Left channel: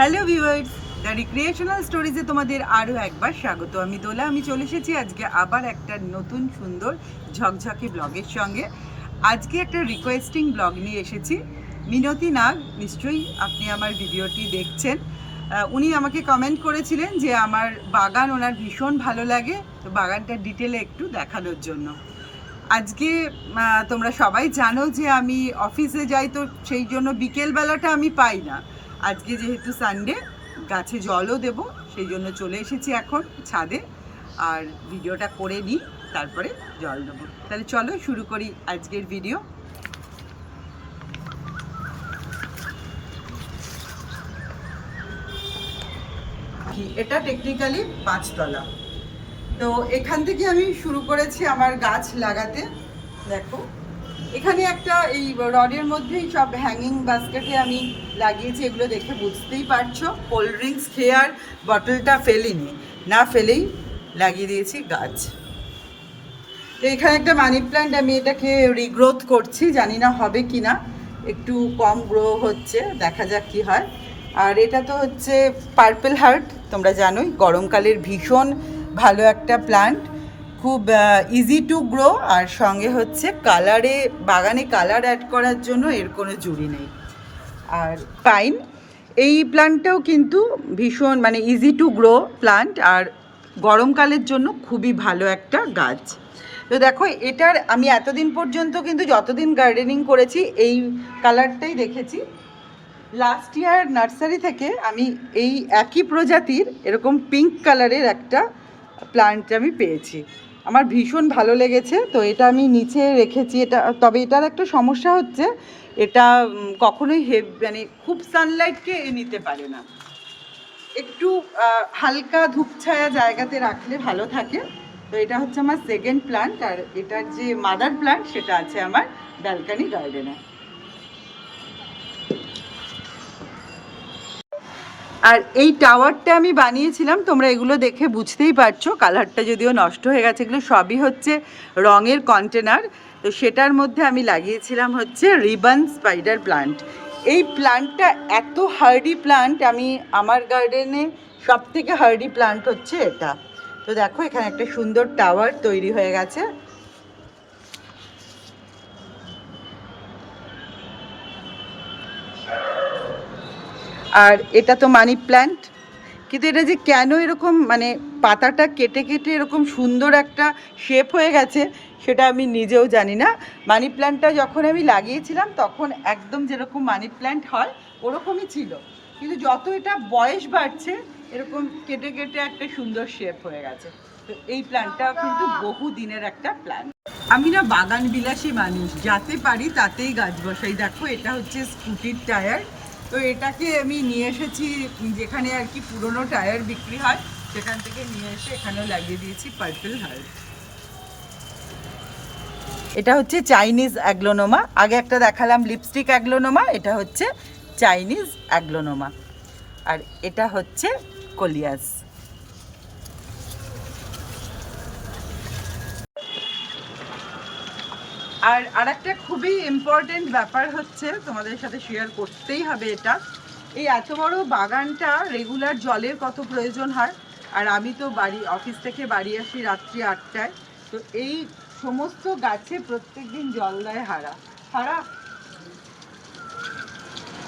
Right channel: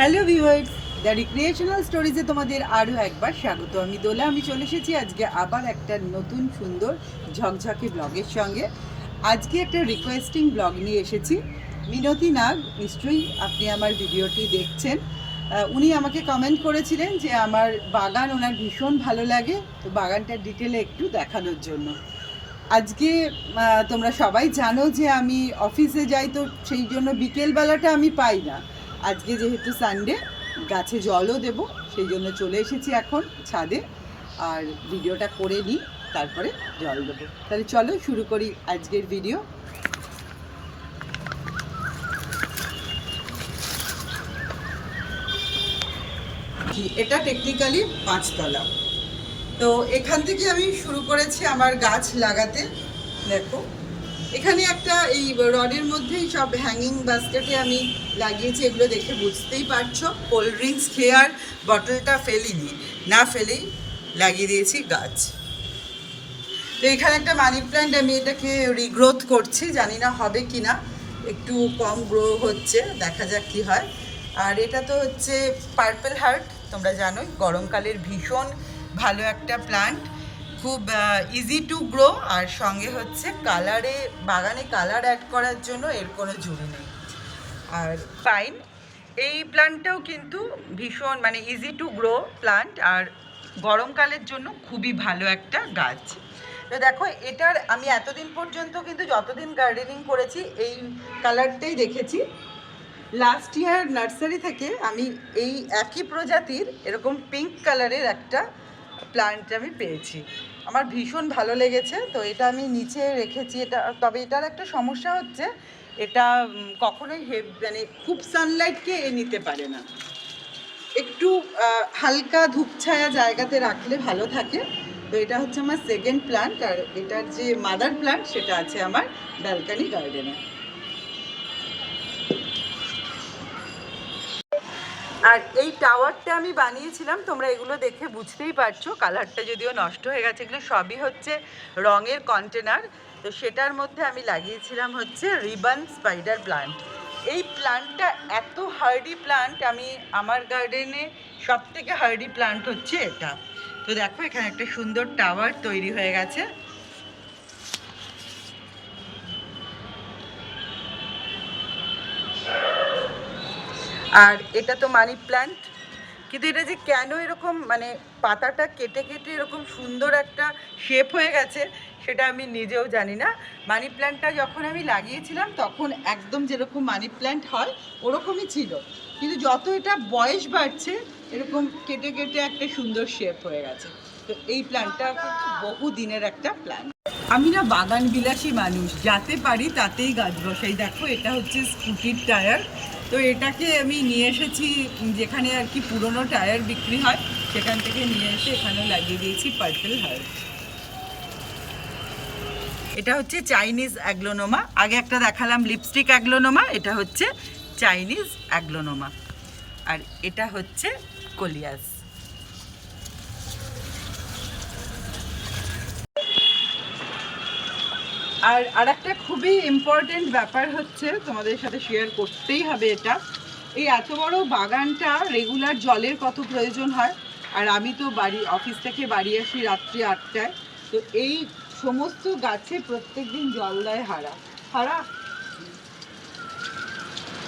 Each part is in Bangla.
হ্যালো ভিউয়ার্স, দ্য রিক্রিয়েশনাল স্টোরিজে তোমাদের আরও একবার স্বাগত। আমি দোলা। আমি চলে এসেছি আজকে আবার একটা নতুন সুন্দর ঝকঝকে ব্লগের সঙ্গে। আজকে একটা রিকোয়েস্টিং ব্লগ নিয়ে এসেছি। মিনতি নাগ, নিশ্চয়ই আপনি আমার ভিডিওটি দেখছেন। উনি আমাকে কমেন্ট করেছিলেন যে আমার বাগান ওনার ভীষণ ভালো লাগে, তো বাগানটার ডিটেলে একটু দেখানোর জন্য। আজকে তোমরা সবাই জানো যে আমি অফিসে যাই, তো সেই জন্য বিকেলবেলাটা আমি পাই না। আজকে যেহেতু সানডে, গাছে জলও দেব, সেই জন্য চলে এসেছি এখন ছাদে। আর ভিডিওটা করে নিই, তারপরে জল দেবো। তাহলে চলো শুরু করি আজকের ভিডিও। এটা টেকনিক্যালি 5 তলা। তো এখান থেকে আমি শুরু করেছি আমার গাছ লাগাতে। দেখো এখানে একটা এই রডের মধ্যেই সব হ্যাঙ্গিং বাস্কেটে আমি লাগিয়েছি, এগুলো দেখে বুঝতেই পারছো। কোল্ড ড্রিঙ্কস খেয়ে আর বটলটা ফেলিনি, না ফেলেই লাগিয়ে দিয়েছি গাছ। তো এখানে একটা মানি প্ল্যান্ট, আমি এটাকে রিগ্রোথ করছি, জানি না হবে কি না, একটু কম গ্রো হচ্ছে, দেখা যাক কি হয়। আর এটা তো হচ্ছে পার্পল হার্ট, তোমরা জানোই গরমকালের ভীষণ ভালো একটা প্ল্যান্ট, খুব ইজি টু গ্রো। আর সঙ্গে হচ্ছে কালারে, বাগানে কালার অ্যাড করার জন্য এর কোনো জুড়ি নেই। আর পাইন, এই প্ল্যান্টটাও কিন্তু ভীষণ মানে ইজি টু গ্রো প্ল্যান্ট, আর গরমকালের জন্য খুবই ভালো একটা গাছ। তো দেখো এটার আমি এতদিন পর্যন্ত কিন্তু যতদিন গার্ডেনিং করেছি এই কালারটাই দেখেছি। লাস্ট ইয়ার নার্সারি থেকে আমি এই একই প্রজাতির এরকম পিঙ্ক কালারের একটা প্ল্যান্ট আমি পেয়েছি, আমার ভীষণ ভালো লেগেছে। তো এটা আমি নিচে রেখেছি। এটা তবে এটার একটা সমস্যা হচ্ছে, এটা কখনোই মানে খুব সানলাইটকে নিতে পারে না, একটু হালকা ধূপছায়া জায়গাতে রাখলে ভালো থাকে। তো এটা হচ্ছে আমার সেকেন্ড প্ল্যান্ট, আর এটার যে মাদার প্ল্যান্ট সেটা আছে আমার ব্যালকনি গার্ডেনে। আর এই টাওয়ারটা আমি বানিয়েছিলাম, তোমরা এগুলো দেখে বুঝতেই পারছো, কালারটা যদিও নষ্ট হয়ে গেছে, এগুলো সবই হচ্ছে রঙের কন্টেনার। তো সেটার মধ্যে আমি লাগিয়েছিলাম হচ্ছে রিবন স্পাইডার প্লান্ট। এই প্লান্টটা এত হার্ডি প্লান্ট, আমি আমার গার্ডেনে সব থেকে হার্ডি প্লান্ট হচ্ছে এটা। তো দেখো এখানে একটা সুন্দর টাওয়ার তৈরি হয়ে গেছে। আর এটা তো মানি প্ল্যান্ট, কিন্তু এটা যে কেন এরকম মানে পাতাটা কেটে কেটে এরকম সুন্দর একটা শেপ হয়ে গেছে সেটা আমি নিজেও জানি না। মানি প্ল্যান্টটা যখন আমি লাগিয়েছিলাম তখন একদম যেরকম মানি প্ল্যান্ট হয় ওরকমই ছিল, কিন্তু যত এটা বয়স বাড়ছে এরকম কেটে কেটে একটা সুন্দর শেপ হয়ে গেছে। তো এই প্ল্যান্টটা কিন্তু বহু দিনের একটা প্ল্যান্ট। আমি না বাগান বিলাসী মানুষ, যাতে পারি তাতেই গাছ বসাই। দেখো এটা হচ্ছে স্কুটির টায়ার, তো এটাকে আমি নিয়ে এসেছি যেখানে আর কি পুরনো টায়ার বিক্রি হয়, সেখান থেকে নিয়ে এসে এখানেও লাগিয়ে দিয়েছি পার্পল হার্ট। এটা হচ্ছে চাইনিজ অ্যাগ্লোনোমা, আগে একটা দেখালাম লিপস্টিক অ্যাগ্লোনোমা, এটা হচ্ছে চাইনিজ অ্যাগ্লোনোমা। আর এটা হচ্ছে কোলিয়াস। আর একটা খুবই ইম্পর্টেন্ট ব্যাপার হচ্ছে, তোমাদের সাথে শেয়ার করতেই হবে এটা। এই এত বড় বাগানটা রেগুলার জলের কত প্রয়োজন হয়, আর আমি তো অফিস থেকে বাড়ি আসি রাত্রি 8টায়। তো এই সমস্ত গাছে প্রত্যেক দিন জল দেয় হারা। হারা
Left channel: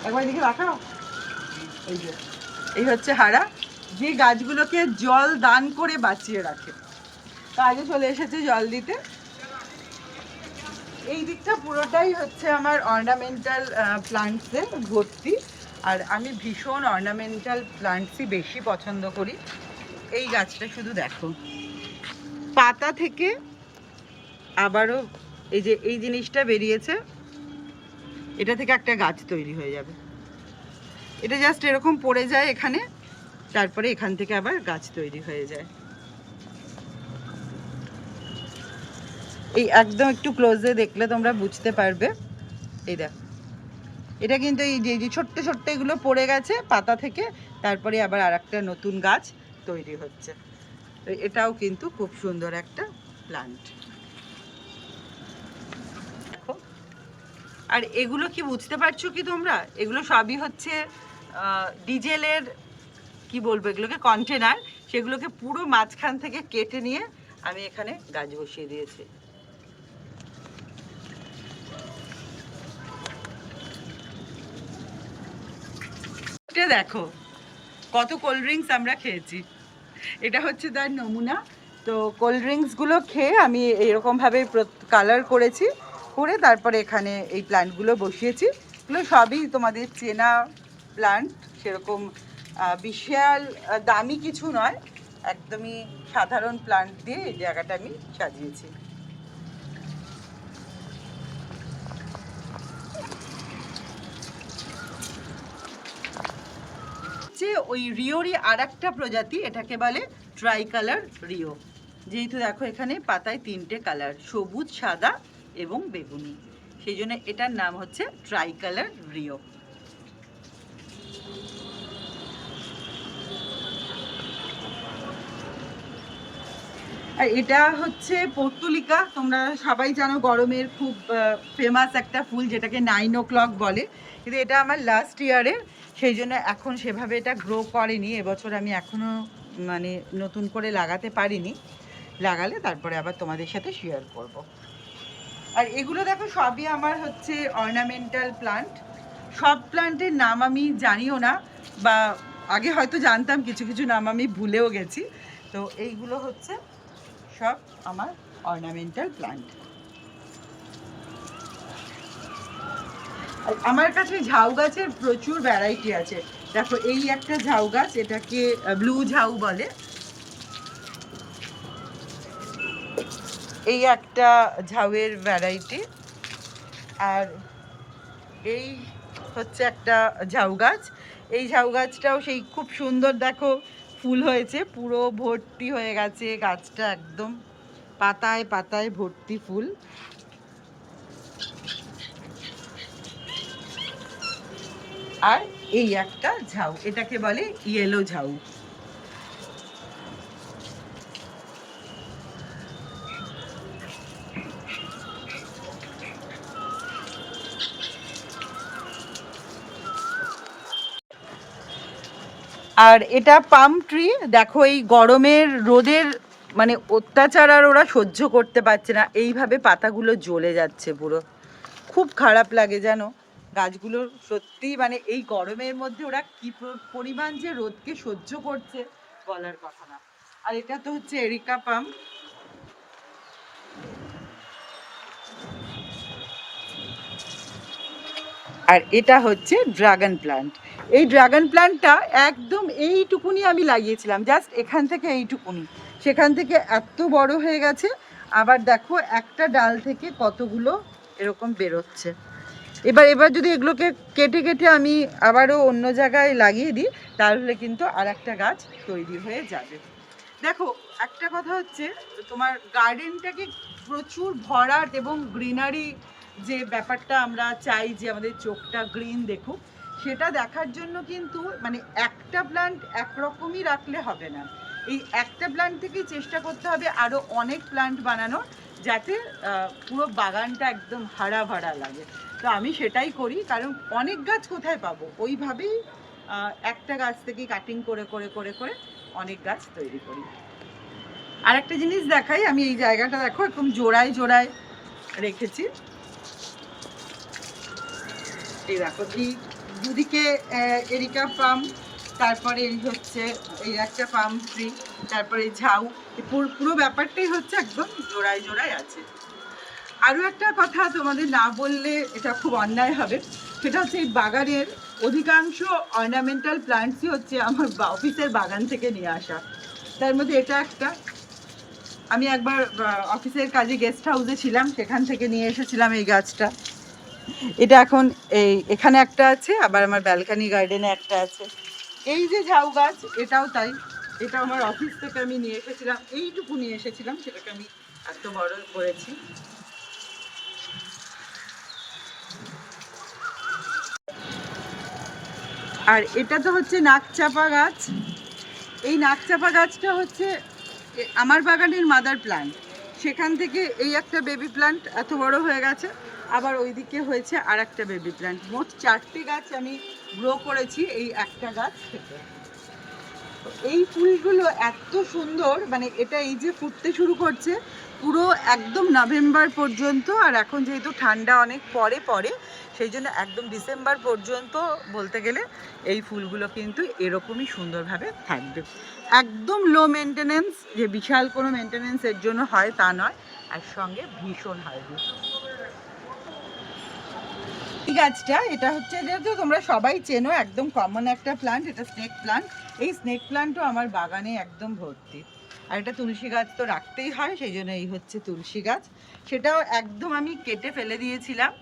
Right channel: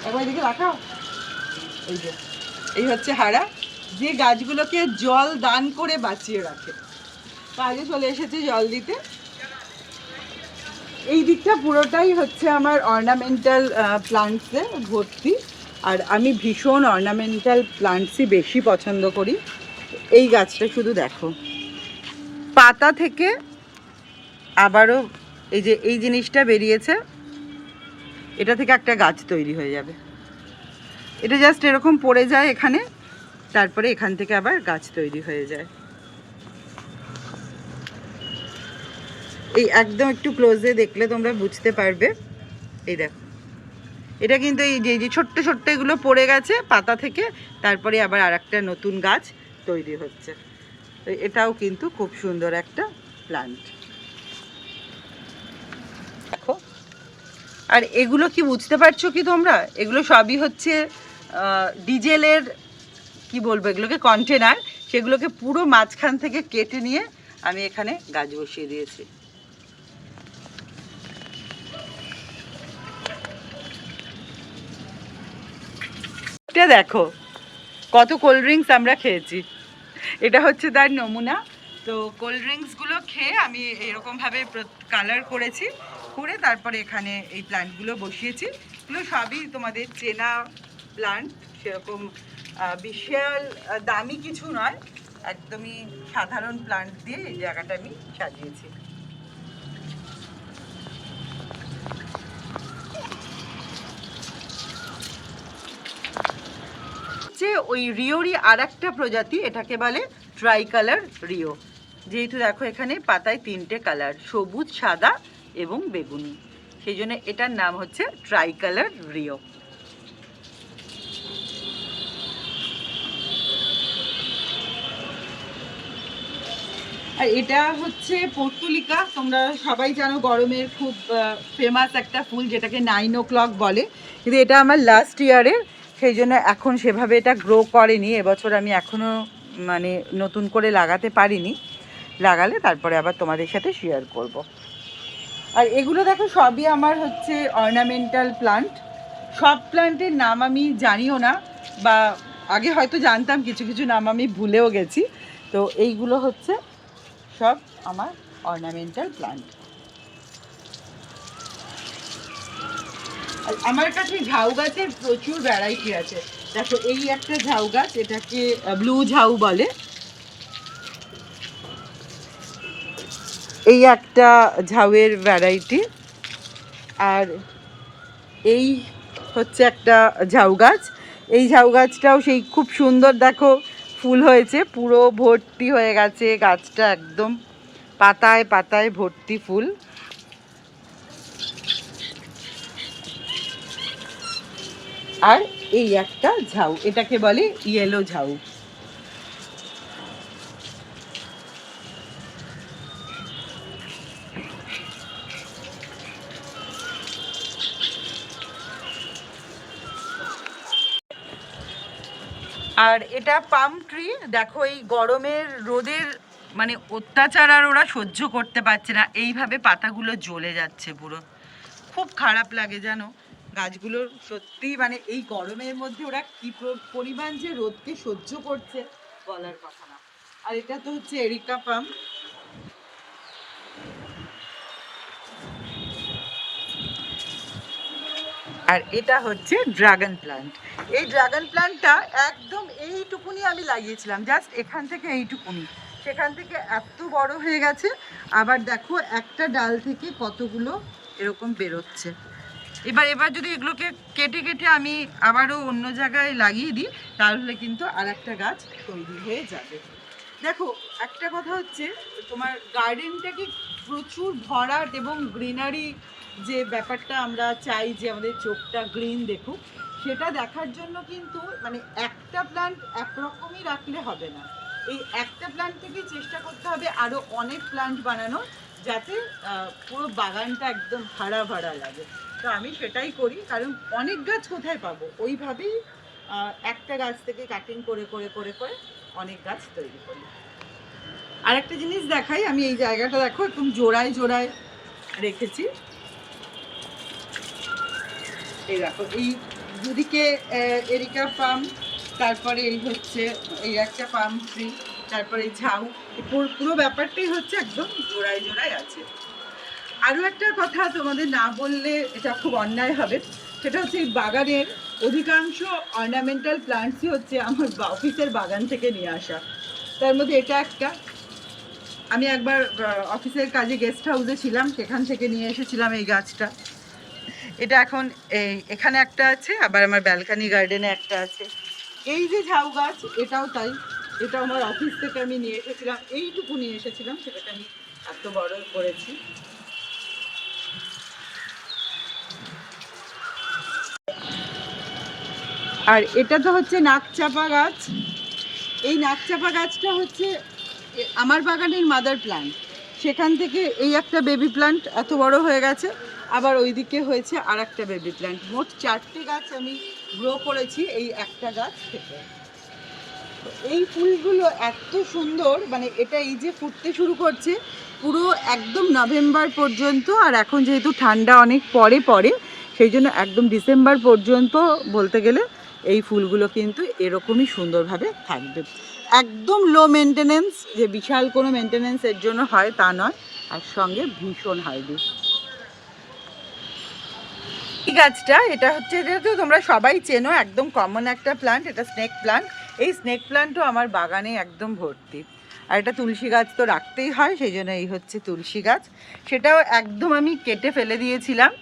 একবার দিকে রাখাও, এই যে এই হচ্ছে হারা, যে গাছগুলোকে জল দান করে বাঁচিয়ে রাখে। তা আগে চলে এসেছে জল দিতে। এই দিকটা পুরোটাই হচ্ছে আমার অর্নামেন্টাল প্লান্টসে ভর্তি, আর আমি ভীষণ অর্নামেন্টাল প্লান্টসই বেশি পছন্দ করি। এই গাছটা শুধু দেখো, পাতা থেকে আবারও এই যে এই জিনিসটা বেরিয়েছে, এটা থেকে একটা গাছ তৈরি হয়ে যাবে। এটা জাস্ট এরকম পড়ে যায় এখানে, তারপরে এখান থেকে আবার গাছ তৈরি হয়ে যায়। এই একদম একটু ক্লোজে দেখলে তোমরা বুঝতে পারবে। এই দেখো, এটা কিন্তু এই যে ছোট্ট ছোট্ট এগুলো পড়ে গেছে পাতা থেকে, তারপরে আবার আর একটা নতুন গাছ তৈরি হচ্ছে। এটাও কিন্তু খুব সুন্দর একটা প্ল্যান্ট। দেখো, আর এগুলো কি বুঝতে পারছো কি তোমরা, এগুলো সবই হচ্ছে ডিজেলের কি বলবো এগুলোকে কন্টেনার, সেগুলোকে পুরো মাঝখান থেকে কেটে নিয়ে আমি এখানে গাছ বসিয়ে দিয়েছি। এটা দেখো কত কোল্ড ড্রিঙ্কস আমরা খেয়েছি, এটা হচ্ছে তার নমুনা। তো কোল্ড ড্রিঙ্কসগুলো খেয়ে আমি এরকমভাবে কালার করেছি, করে তারপরে এখানে এই প্ল্যান্টগুলো বসিয়েছি। এগুলো সবই তোমাদের চেনা প্ল্যান্ট, সেরকম বিশাল দামি কিছু নয়, একদমই সাধারণ প্ল্যান্ট দিয়ে এই জায়গাটা আমি সাজিয়েছি। ওই রিওরই আর একটা প্রজাতি, এটাকে বলে ট্রাই কালার রিও। যেহেতু দেখো এখানে পাতায় 3টে কালার, সবুজ, সাদা এবং বেগুনি, সেই জন্য এটার নাম হচ্ছে ট্রাই কালার রিও। আর এটা হচ্ছে পর্তুলিকা, তোমরা সবাই জানো গরমের খুব ফেমাস একটা ফুল, যেটাকে 9 o'clock বলে, কিন্তু এটা আমার লাস্ট ইয়ারের, সেই জন্য এখন সেভাবে এটা গ্রো করেনি। এবছর আমি এখনও মানে নতুন করে লাগাতে পারিনি, লাগালে তারপরে আবার তোমাদের সাথে শেয়ার করব। আর এগুলো দেখো সবই আমার হচ্ছে অর্নামেন্টাল প্লান্ট। সব প্লান্টের নাম আমি জানিও না, বা আগে হয়তো জানতাম, কিছু কিছু নাম আমি ভুলেও গেছি। তো এইগুলো হচ্ছে সব আমার অর্নামেন্টাল প্লান্ট। আমার কাছে ঝাউ গাছের প্রচুর ভ্যারাইটি আছে। দেখো এই একটা ঝাউ গাছ, এটাকে ব্লু ঝাউ বলে। এই একটা ঝাউয়ের ভ্যারাইটি। আর এই হচ্ছে একটা ঝাউ গাছ, এই ঝাউ গাছটাও সেই খুব সুন্দর, দেখো ফুল হয়েছে, পুরো ভর্তি হয়ে গেছে গাছটা, একদম পাতায় পাতায় ভর্তি ফুল। আর এই একটা ঝাউ, এটাকে বলে ইয়েলো ঝাউ। আর এটা পাম ট্রি। দেখো এই গরমের রোদের মানে অত্যাচার আর ওরা সহ্য করতে পারছে না, এইভাবে পাতাগুলো জ্বলে যাচ্ছে, পুরো খুব খারাপ লাগে জানো গাছগুলোর, সত্যি মানে এই গরমের মধ্যে ওরা কি পরিমাণ যে রোদকে সহ্য করছে বলার কথা না। আর এটা তো হচ্ছে এরিকা পাম। আর এটা হচ্ছে ড্রাগন প্ল্যান্ট। এই ড্রাগন প্ল্যান্টটা একদম এইটুকুনি আমি লাগিয়েছিলাম, জাস্ট এখান থেকে এইটুকুনি, সেখান থেকে এত বড় হয়ে গেছে। আবার দেখো একটা ডাল থেকে কতগুলো এরকম বেরোচ্ছে। এবার যদি এগুলোকে কেটে কেটে আমি আবারও অন্য জায়গায় লাগিয়ে দিই, তাহলে কিন্তু আর একটা গাছ তৈরি হয়ে যাবে। দেখো একটা কথা হচ্ছে, তোমার গার্ডেনটাকে প্রচুর ভরাট এবং গ্রিনারি, যে ব্যাপারটা আমরা চাই যে আমাদের চোখটা গ্রিন দেখুক, সেটা দেখার জন্য কিন্তু মানে একটা প্ল্যান্ট একরকমই রাখলে হবে না। এই একটা প্ল্যান্ট থেকেই চেষ্টা করতে হবে আরও অনেক প্ল্যান্ট বানানো, যাতে পুরো বাগানটা একদম হারা ভরা লাগে। তো আমি সেটাই করি, কারণ অনেক গাছ কোথায় পাবো, ওইভাবেই একটা গাছ থেকে কাটিং করে করে করে করে অনেক গাছ তৈরি করি। আর একটা জিনিস দেখাই, আমি এই জায়গাটা দেখো একদম জোড়ায় জোড়ায় রেখেছি। এই দেখো এই দুদিকে এরিকা পাম, তারপরে এই হচ্ছে এই একটা পাম ট্রি, তারপরে ঝাউ, পুরো ব্যাপারটাই হচ্ছে একদম জোড়ায় জোড়ায় আছে। আরও একটা কথা তোমাদের না বললে এটা খুব অন্যায় হবে, সেটা হচ্ছে এই বাগানের অধিকাংশ অর্নামেন্টাল প্ল্যান্টসই হচ্ছে আমার অফিসের বাগান থেকে নিয়ে আসা। তার মধ্যে এটা একটা, আমি একবার অফিসের কাজে গেস্ট হাউসে ছিলাম, সেখান থেকে নিয়ে এসেছিলাম এই গাছটা। এটা এখন এখানে একটা আছে, আবার আমার ব্যালকানি গার্ডেনে একটা আছে। এই যে ঝাউ গাছ, এটাও তাই, এটা আমার অফিস থেকে আমি নিয়ে এসেছিলাম, এইটুকু নিয়ে এসেছিলাম, সেটাকে আমি এত বড় করেছি। আর এটা তো হচ্ছে নাকচাপা গাছ। এই নাকচাপা গাছটা হচ্ছে আমার বাগানের মাদার প্ল্যান্ট, সেখান থেকে এই একটা বেবি প্ল্যান্ট এত বড় হয়ে গেছে, আবার ওইদিকে হয়েছে আর একটা বেবি প্ল্যান্ট। মোট 4টে গাছ আমি গ্রো করেছি এই একটা গাছ থেকে। তো এই ফুলগুলো এত সুন্দর, মানে এটা এই যে ফুটতে শুরু করছে পুরো একদম নভেম্বর পর্যন্ত, আর এখন যেহেতু ঠান্ডা অনেক পরে পড়ে সেই জন্য একদম ডিসেম্বর পর্যন্ত বলতে গেলে এই ফুলগুলো কিন্তু এরকমই সুন্দরভাবে থাকবে। একদম লো মেনটেনেন্স, যে বিশাল কোনো মেনটেনেন্স এর জন্য হয় তা নয়, আর সঙ্গে ভীষণ হার্ডি। এই গাছটা এটা হচ্ছে, এটা তো তোমরা সবাই চেনো, একদম কমন একটা প্লান্ট, এটা স্নেক প্লান্ট। এই স্নেক প্লান্টও আমার বাগানে একদম ভর্তি। আর এটা তুলসী গাছ তো রাখতেই হয়, সেই জন্য এই হচ্ছে তুলসী গাছ। সেটাও একদম আমি কেটে ফেলে দিয়েছিলাম।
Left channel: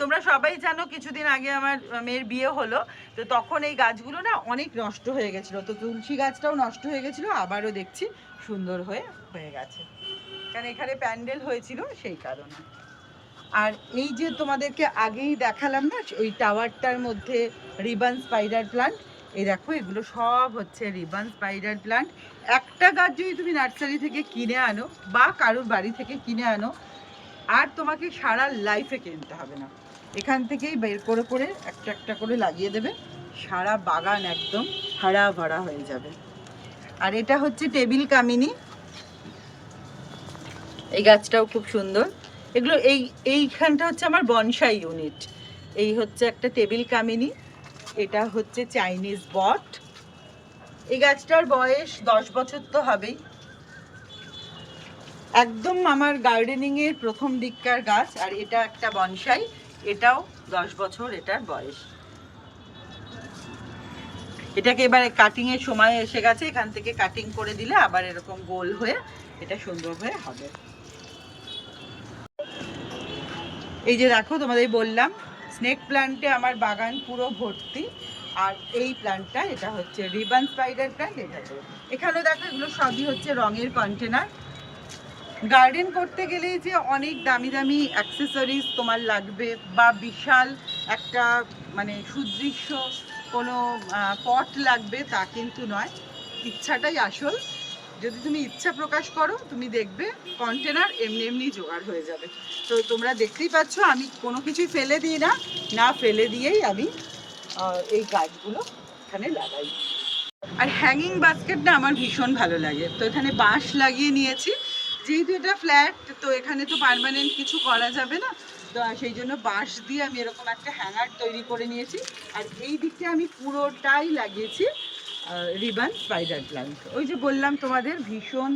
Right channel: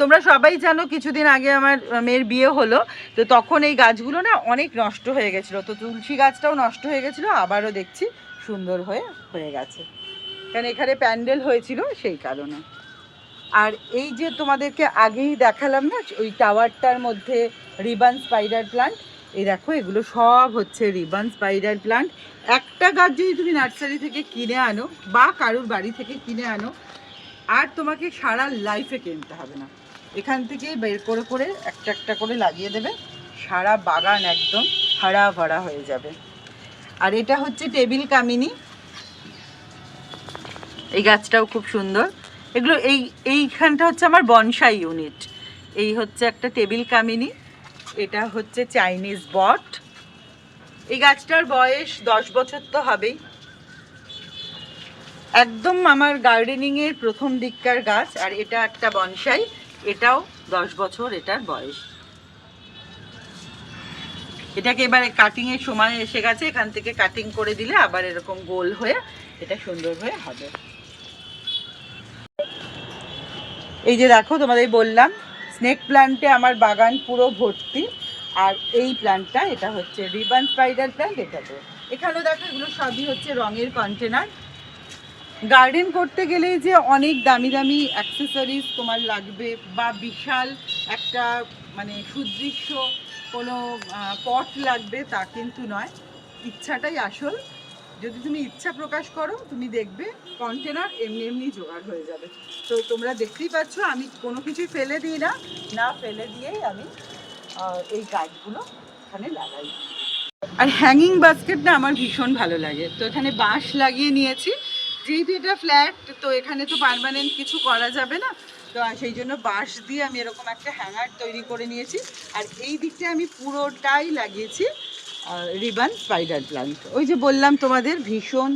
তোমরা সবাই জানো কিছুদিন আগে আমার মেয়ের বিয়ে হলো, তো তখন এই গাছগুলো না অনেক নষ্ট হয়ে গেছিলো, তো তুলসী গাছটাও নষ্ট হয়ে গেছিলো, আবারও দেখছি সুন্দর হয়ে গেছে, কারণ এখানে প্যান্ডেল হয়েছিল সেই কারণে। আর এই যে তোমাদেরকে আগেই দেখালাম না ওই টাওয়ারটার মধ্যে রিবন স্পাইডার প্লান্ট, এই দেখো এগুলো সব হচ্ছে রিবন স্পাইডার প্লান্ট। একটা গাছ যদি তুমি নার্সারি থেকে কিনে আনো বা কারুর বাড়ি থেকে কিনে আনো, আর তোমাকে সারা লাইফে কিনতে হবে না, এখান থেকেই বের করে করে একটা একটা করে লাগিয়ে দেবে, সারা বাগান একদম হারা ভরা হয়ে যাবে। আর এটা হচ্ছে টেবিল কামিনী, এই গাছটাও খুব সুন্দর। এগুলো এইখানটা হচ্ছে আমার বনসাই ইউনিট। এই হচ্ছে একটা টেবিল কামিনী, এটা হচ্ছে চাইনিজ বট। এই গাছটার বয়স 10 বছর তো হবেই, একদম আমার গার্ডেনিংয়ের প্রথম দিককার গাছ। আর এটা একটা বনসাই, এটাও 10 বছর এটার বয়স। এটাকে এবারে কাটিংয়ের সময় এসে গেছে, এখান থেকে কাটিং করে দিলে আবার এরকম গোল হয়ে এটা সুন্দর হয়ে হবে। এই যে দেখো তোমাদের বললাম স্নেক প্ল্যান্টে আমার বাগান পুরো ভর্তি। আর এই প্ল্যান্টটা এটা হচ্ছে রিবন স্পাইডার প্ল্যান্ট, এটাতে এখানেও দেখো এগুলো সবই হচ্ছে রঙের কন্টেনার। গার্ডেন করতে গেলেই যে অনেক দামি দামি অ্যাক্সেসরিজ তোমার লাগবে বা বিশাল একটা মানে সুদৃশ্য কোনো পট লাগবে তা কিন্তু নয়, ইচ্ছাটাই আসল। যদি তুমি ইচ্ছা প্রকাশ করো তুমি দেখবে কন্টেনার এমনি এমনি জোগাড় হয়ে যাবে। তো তোমরা দেখতেই পাচ্ছ আমি কোনো কিছুই ফেলে দিই না, না ফেলে দিয়েই আমি এই গাছগুলো এখানে লাগাই। আর হ্যাঙ্গিং বাস্কেট না আমার ভীষণ ভালো লাগে, তো এখানে বাঁশ লাগিয়ে নিয়েছি, যেহেতু এটা ফ্ল্যাট তো এখানে তো পার্মানেন্ট কিছু করা যাবে না, তো সেই জন্য বাঁশ দিয়ে আমি এরকম একটা হ্যাঙ্গার তৈরি করে নিয়েছি। আর এই দিকটা আমি পুরোটাই লাগিয়েছি রিবন স্পাইডার প্ল্যান্ট। ওই যে বললাম তোমাদের ভীষণ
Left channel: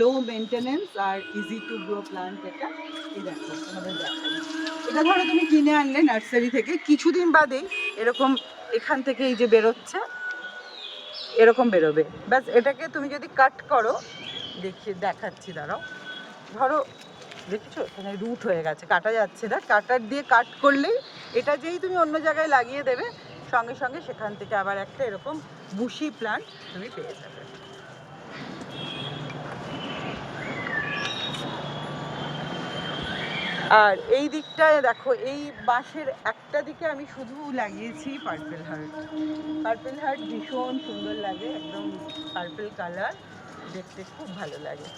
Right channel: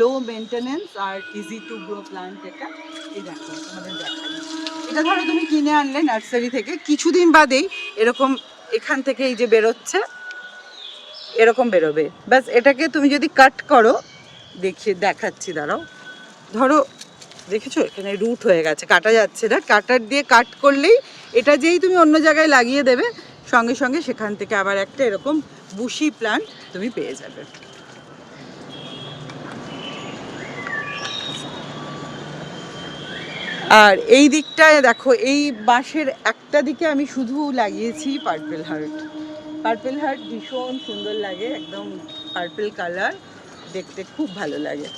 লো মেনটেনেন্স আর ইজি টু গ্রো প্ল্যান্ট এটা। এই দেখো তোমাদের দেখাই, এটা ধরো তুমি কিনে আনলে নার্সারি থেকে, কিছুদিন বাদেই এরকম এখান থেকে এই যে বেরোচ্ছে এরকম বেরোবে, ব্যাস এটাকে তুমি যদি কাট করো, দেখাচ্ছি দাঁড়াও, ধরো দেখেছো এখানে রুট হয়ে গেছে, কাটা যাচ্ছে না, কাটার দিয়ে কাট করলেই এটা যেই তুমি অন্য জায়গায় লাগিয়ে দেবে সঙ্গে সঙ্গে সেখান থেকে আবার একটা এরকম বুশি প্ল্যান্ট তুমি পেয়ে যাবে। আর এই দিকটায় দেখো এই বাঁশের একটা দিকে আমি শুধু লাগিয়েছি পার্পেল হার্ট। পার্পেল হার্ট ভীষণ সুন্দর লাগে, একদম পার্পেল কালার, দেখতে খুব ভালো লাগে।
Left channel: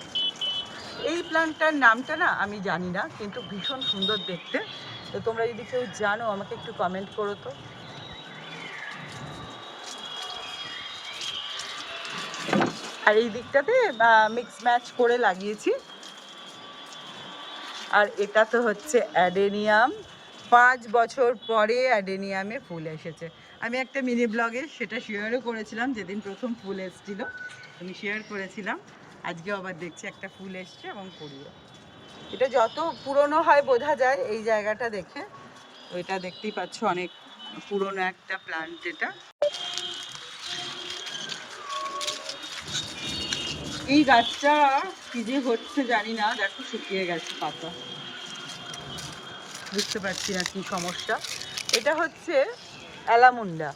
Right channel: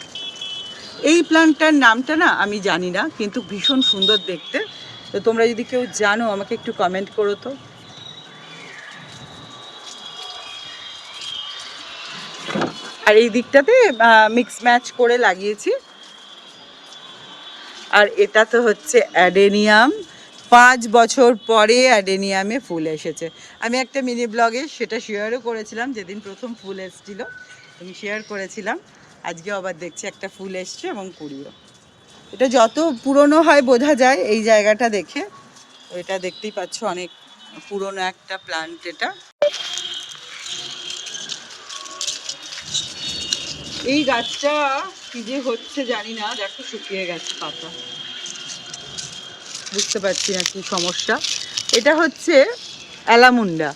এই প্ল্যান্টটার নামটা না আমি জানি না, কিন্তু ভীষণ সুন্দর দেখতে। তো তোমরা যদি কেউ জানো আমাকে একটু কমেন্ট করো তো। আর এই দিকটাতে মিক্স ম্যাচ করে লাগিয়েছি। আর এটা তো হচ্ছে অ্যাডেনিয়াম, 5 বছর পরে অ্যাডেনিয়ামে ফুল এসেছে। আমি একটা মিনি ব্লগে সেটা শেয়ারও করেছিলাম, যেদিন প্রথম ফুল এসেছিলো আমি শেয়ার করেছিলাম। আজকে আবার দেখছি একটা ফুল এসছে এবং কুড়িও। এটা যত পুরনো হয় বোঝা যায় এই জায়গাটা দেখে, এটা দেখতেই পাচ্ছ অনেক পুরনো একটা প্ল্যান্ট এটা। এই গাছটা কি যে হচ্ছে জানি না, দেখো শুকিয়ে গেছে পাতা, বুঝতে পারছি না কি সমস্যা। এটা হচ্ছে অ্যালামুন্ডা,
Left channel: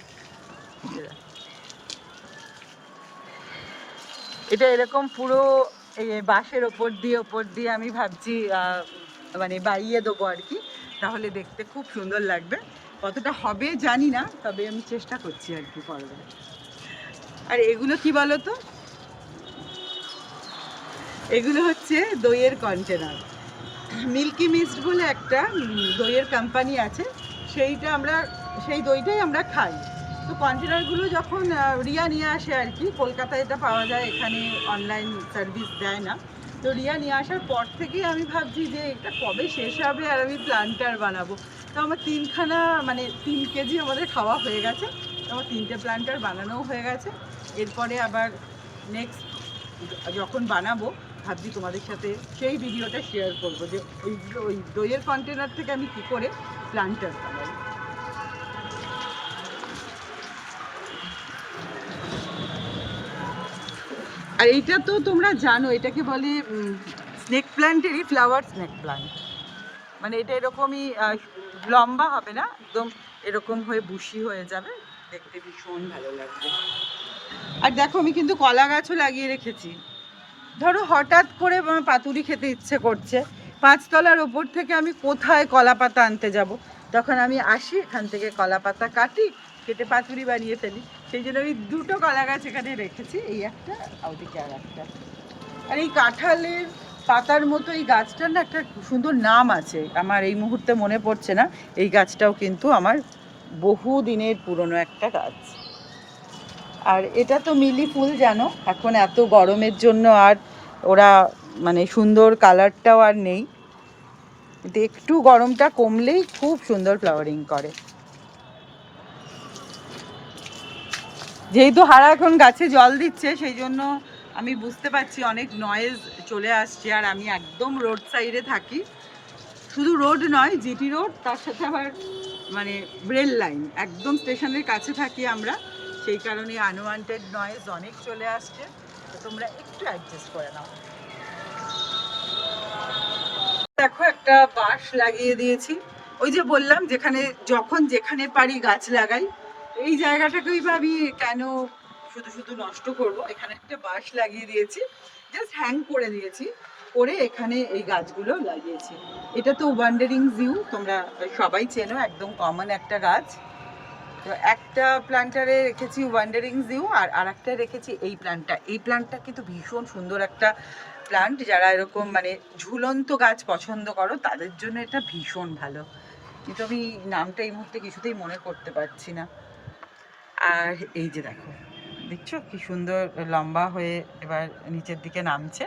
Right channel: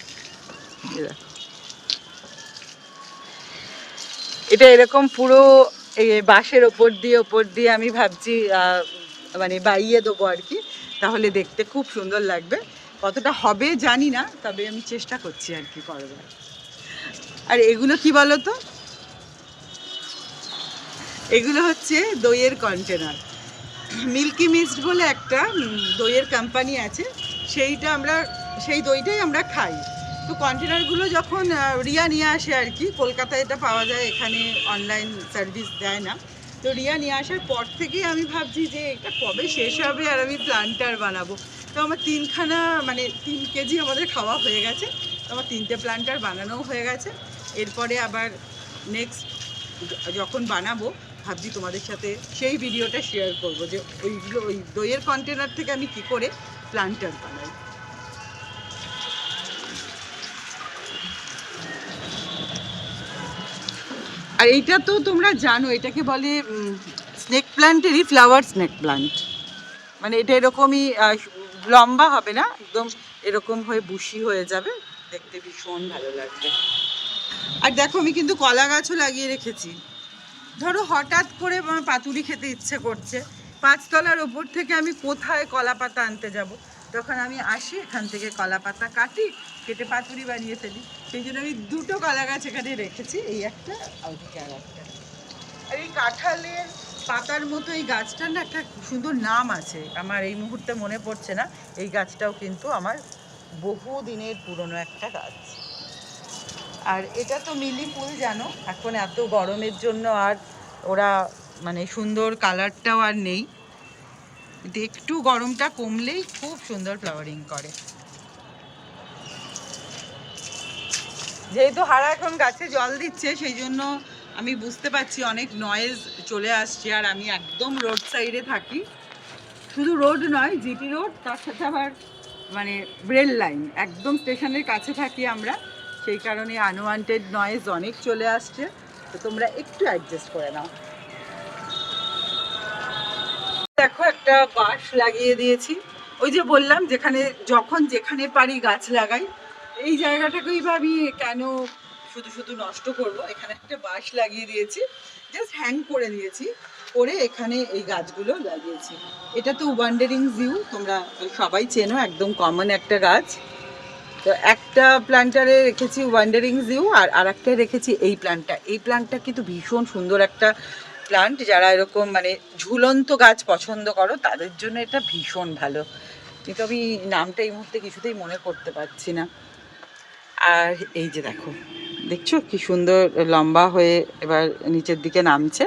এটা এরকম পুরো এই বাঁশের ওপর দিয়ে আমি ভাবছি মানে বাইয়ে দেবো আর কি, তাহলে দেখতে খুব সুন্দর লাগবে। কতটা হবে জানি না, তবে আমি চেষ্টা করছি আর কি করবার। আর এগুলো কি বলো তো, এগুলো হচ্ছে দইয়ের কন্টেনার। মিল্কি মিস্ট বলে একটা দইয়ের কোম্পানি আছে, সেই দইটাই আমরা খাই। তো কন্টেনারগুলো যখন রিয়া নিয়ে আসে আর কি, কলকাতায় এটা পাওয়া যায়, এখানে অনলাইন সার্ভিস দেয় না। তো রিয়া নিয়ে আসার পর থেকেই আমি ভাবছি যে এটা কবে শেষ হবে আর আমি প্ল্যান্টার বানাবো। তো আমার 3খানা মানে 3 কেজি আমাদের খাওয়া হয়ে গেছে। তো আমার 3টে প্ল্যান্টার বানানোও হয়ে গেছে। এরপরে আবার নেক্সট যখন বানাবো ভাবছি তোমাদের সাথে সেই ভিডিওটা শেয়ার করব যে ওইগুলো ওই দইয়ের কন্টেনার থেকে আমি কি করে প্ল্যান্টার বানাই। আর এইটা তো তোমরা জানো, এটাকে বলে স্নেক প্ল্যান্টেরই ফ্লাওয়ার স্নেক প্ল্যান্ট। মানে এটা এরকমই লম্বা হবে না, একদম এরকম হয়ে বুশি হয়ে যাবে, দেখতে ভীষণ ভালো লাগবে। আর দেখো আমি কিন্তু কলা গাছও লাগিয়ে রেখেছি। ধরো হঠাৎ করে পাতুরি খেতে ইচ্ছে করছে, 5 তলার উপর থেকে আমি কোথায় কলা পাতা আনতে যাব? তখন আমি আসি, এখান থেকে কলা পাতা কাটি, কেটে পাতুরি বানিয়ে ফেলি। সেই জন্য আমি 2টো কলা গাছ এখানে রেখেছি, এই একটা আর ওদিকে আর একটা। আর এই কাঁঠালের পাতার মতো এই গাছটার না একটা সুন্দর নাম আছে, আমার এই মুহূর্তে মনে পড়ছে না। এই গাছটাও কিন্তু আমার বহু দিনের পুরনো একটা গাছ। আর এটা তো মিলি ফুল, জানো এখন এত গরমের জন্য আর ওরা মানে সুন্দর কালারটাও আর নেই, কিন্তু একটু গরমটা কমলেই খুব সুন্দর ফ্লাওয়ারিং করে। যেহেতু হারা এখন গাছে জল দিচ্ছে সেই জন্য আমি বুঝতে পারছি অনেক নয়েজ চলে আসছে। আর আমি একদম রোড সাইডে থাকি, শুধু রোড নয়, জিটি রোড, তার সাথে আবার মানে রেল লাইন, একদম স্টেশনের কাছে থাকি আমরা, সেই কারণে আনওয়ান্টেড নয়েজ অনেক চলে আসছে। তো তোমরা একটু অ্যাডজাস্ট করে নাও। দেখো একটা বাঁশ লাগিয়ে দিয়েছি, ওই যে বললাম যেখানে যখন যেখানে পারি গাছ লাগাই। এই জায়গাটাকেই ভাবি কেন শুধু শুধু নষ্ট করব, এখানে একটা বাঁশ লাগিয়ে দিয়েছি, জাস্ট হ্যাং করে দিয়েছি, করে এখানে এই গাছগুলো লাগিয়েছি। এটা তো ওয়ান্ডারিং জিউ, তোমরা সবাই চেনো, একদম কমন একটা গাছ। তো একটা প্ল্যান্টারে রেখেছি ওয়ান্ডারিং জিউ, আর আরেকটা রেখেছি এই প্ল্যান্টটা। এই প্ল্যান্টটা কিন্তু ভীষণ সুন্দর একটা প্ল্যান্ট, যারা এরকম মানে ঝুলন্ত গাছ পছন্দ করো তাদের জন্য এটা ভীষণ ভালো। কিন্তু আমি নামটা এই মুহূর্তে কিছুতেই মনে করতে পারছি না। আর এই যে দেখো, দেখছো কি সুন্দর লম্বা হয়ে এবার নিচের দিকে নামছে।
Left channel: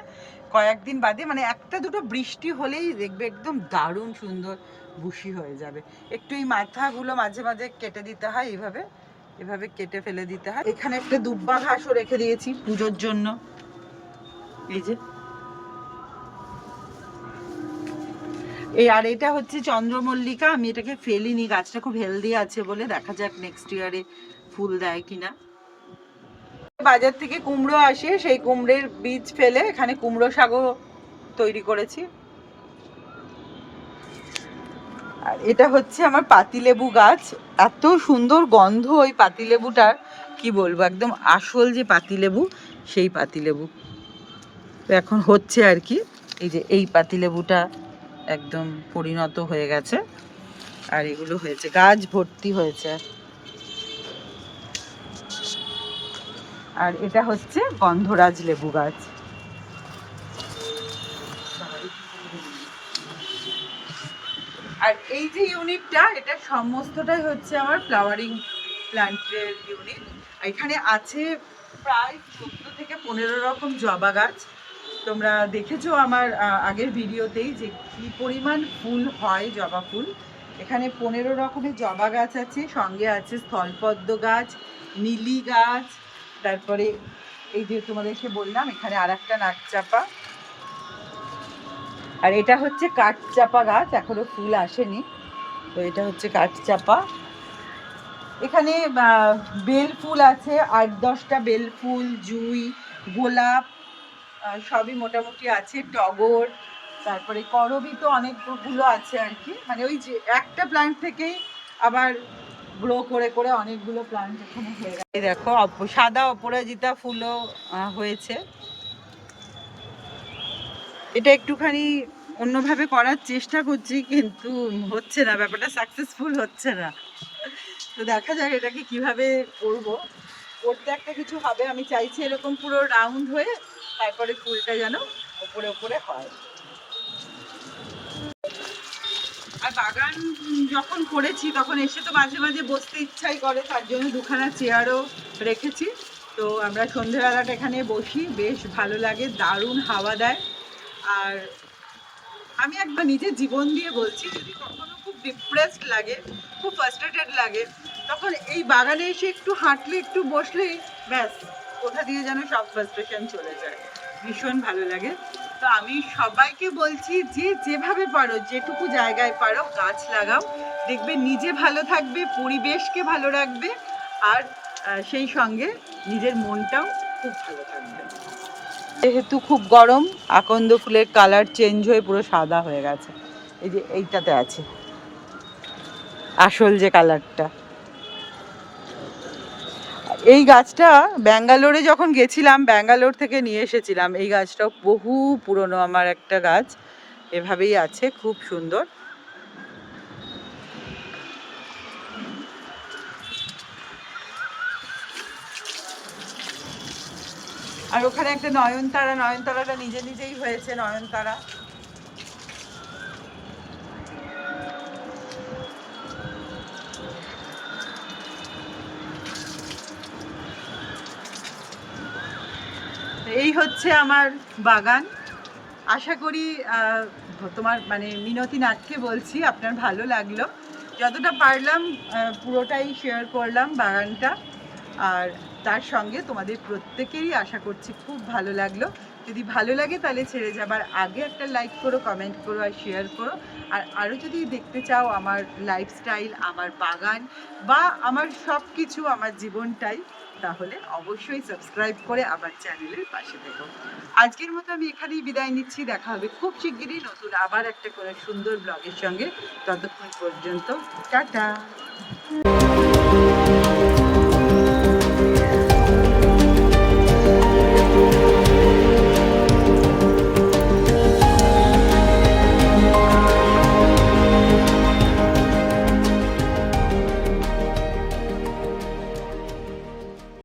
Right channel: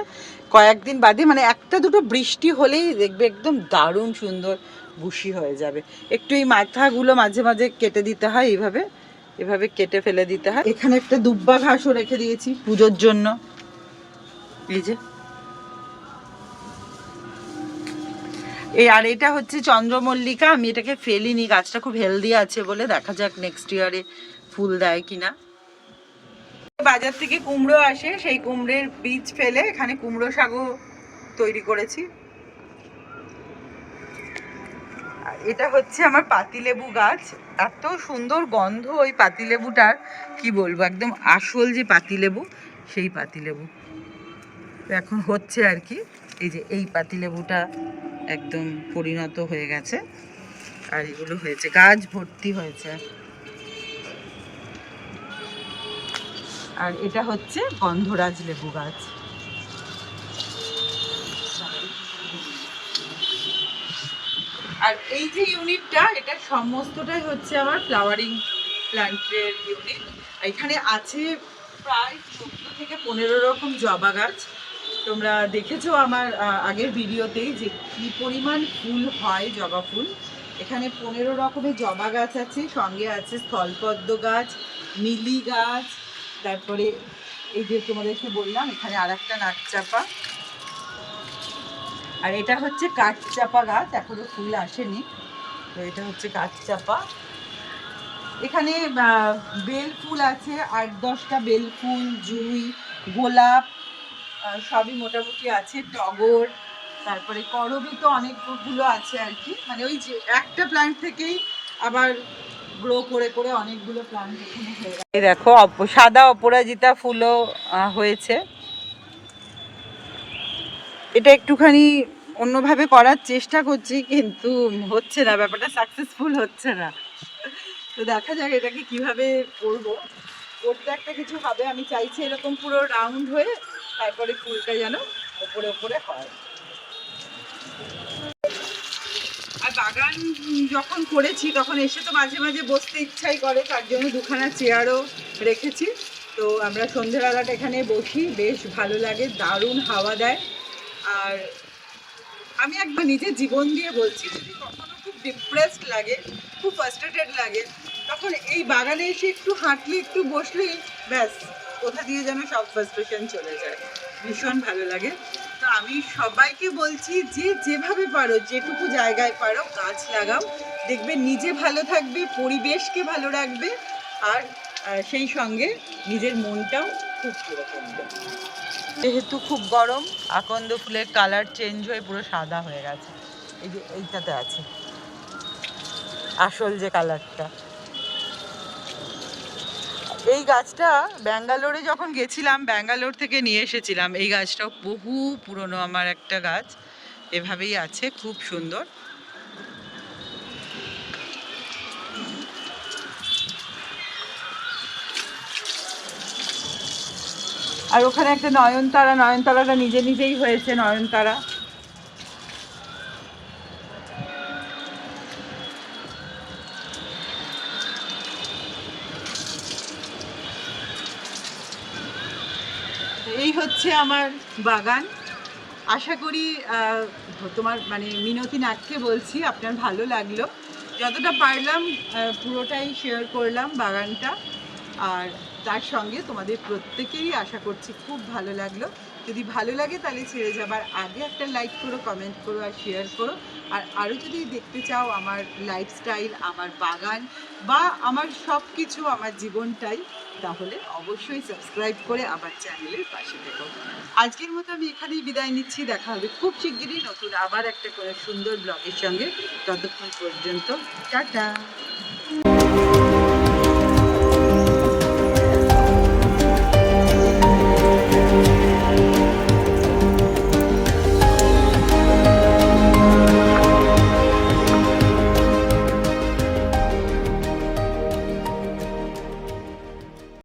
কয়েকদিন বাদে মানে 1-2 বৃষ্টি হলেই দেখবে একদম দারুণ সুন্দর বুশি হয়ে যাবে। একটু এই মাথাগুলো মাঝে মাঝে কেটে দিতে হয়, এইভাবে এভাবে কেটে ফেলে দিতে হয়। এখানে একটা দুব্বা ঘাসও রেখে দিয়েছি পুজোর জন্য, এই যে এই। আর এটা হচ্ছে চন্দ্রমল্লিকা, আমি এটাকে ফেলিনি, গাছটা খুব হেলদি আছে বলে, দেখা যাক নেক্সট ইয়ারে ফুল দেয় কিনা। বাজার থেকে কুমড়ো আসে, সেই কুমড়োর বীজ ফেলে এখানে কুমড়ো শাকও তৈরি করেছি। আর এটা হচ্ছে আমার পাতিলেবু গাছ, এত সুন্দর গন্ধ ওই পাতিলেবুটার, কি বলবো, একদম আসল যে পাতিলেবু সেই পাতিলেবু। তো এখন হচ্ছে আর কি, এই যে এই পাতিলেবুটা একদম পরিণত হয়ে গেছে, আর এগুলো হয়েছে, গাছ ভর্তি হয়েছে। আর এটা হচ্ছে গন্ধরাজ লেবু গাছ। আর এই যে ইউনিটটা, এটা সমস্তটাই হচ্ছে আমার ফ্লাওয়ারিং প্ল্যান্টের ইউনিট। এখানে আছে প্রায় 14 থেকে 15 রকম জবা গাছ। তোমরা দেখেছো আমার আগের ভিডিওতেই যে কি পরিমাণ ফুল হয়, জবা ফুল। এখানে 15 রকমের জবা গাছ আছে, সঙ্গে আছে স্থলপদ্ম গাছ, মিলি গাছ, তারপরে এই যে তোমাদেরকে বললাম এখানে আরেকটা নাকচাপা। আর এটা হচ্ছে কাঠচাপা গাছ, এখনো ফুল আসেনি, তো এটা হচ্ছে কাঠচাপা। এখানে বেল ফুল আছে 8-10টা বেল ফুল, জুঁই, গোলাপ সবই মোটামুটি আছে, টগর, তারপরে করবি তো অনেকগুলো আছে আর কি। মানে ওই যে একটা প্ল্যান্ট থেকেই আবার গ্রো করে করে অনেকগুলো প্ল্যান্ট এখানে হয়ে গেছে। এই দেখো সাদা অপরাজিতা ফুলও হয়েছে। এটা একটুখানি অন্যভাবে করার চেষ্টা করছি, কিন্তু হচ্ছে না, ব্যাপারটা সাকসেসফুল হচ্ছে না। তো দেখা যাক এটাকে কিভাবে করব, করতে একটা কিছু হবে। আমি চাইছি এরকম পুরো রাউন্ড হয়ে তারপরে ফুলটা যেন ওপরে ওপরে হয়। আর বাগান যখন করেছি তখন এসে তো মাঝে মাঝে বসতে ইচ্ছাই করে, তার জন্য দুখানা চেয়ারও রেখেছি। তো আমরা সন্ধ্যেবেলাটা এখানে বসি, বেশ ভালো লাগে, দারুণ হাওয়া দেয়। আর আমি একবার নিজের জীবন দিয়ে বলছি, যদি কখনো খুব ডিপ্রেসড লাগে, খুব ফ্রাস্ট্রেটেড লাগে, তখন এই বাগানে এসে একটু হাঁটলে, একটু বসলেই ব্যাস কোথা দিয়ে যেন সব ফ্রাস্ট্রেশন চলে যায়, ভীষণ ভালো লাগে। তো আমি সবাইকে বলছি যে যেভাবে পারো, যেটুকু জায়গায় পারো গাছ লাগাও, দেখবে নিজে ভালো থাকবে, পরিবেশকে ভালো রাখবে, আর সেই সঙ্গে নিজের মনটাও খুব ভালো থাকবে। যেহেতু খুব গরম, আকন্দ ফুলের কালার চেঞ্জ হয়ে পুরো সাদা হয়ে গেছে। এই যে এইটাতে আছে আসল যে কালারটা। এই গাছটা ব্যাঙ্গালোরে যখন গেছিলাম, ব্যাঙ্গালোর থেকে নিয়ে এসেছিলাম। এই গাছটাও বহু পুরনো আমার একটা গাছ, এভাবেই আছে, খুব সুন্দর। আর ওখানে একটা নয়নতারা, নয়নতারাটা নিজে নিজেই হয়েছে নয়নতারা। এই হচ্ছে আমার বাগান। আশা করি তোমার মানে মিনতি নাককে বলছি আপনার ভালো লাগলো। যতটা পারলাম পুরোটাই শেয়ার করলাম বাগানটা, আর তার সঙ্গে তোমাদের প্রত্যেকেরই আশা করছি খুব ভালো লাগলো। যদি ভালো লাগে তাহলে ছেড়ে যাবার আগে একটা লাইক করো, কমেন্ট করো আর শেয়ার করো। আর আরও যদি দেখতে চাও আমার লাইফস্টাইল, আমার বাগান বা আমার সব কিছু, আমার জীবনটাই, তাহলে অবশ্যই সাবস্ক্রাইব করে আমার চ্যানেলের পাশে থেকো। আজকের মতো আমি এখানেই বিদায় নিচ্ছি। দেখা হবে খুব শিগগিরই নতুন আবার একটা করে সুন্দর ব্লগের সঙ্গে। ততক্ষণ পর্যন্ত টাটা।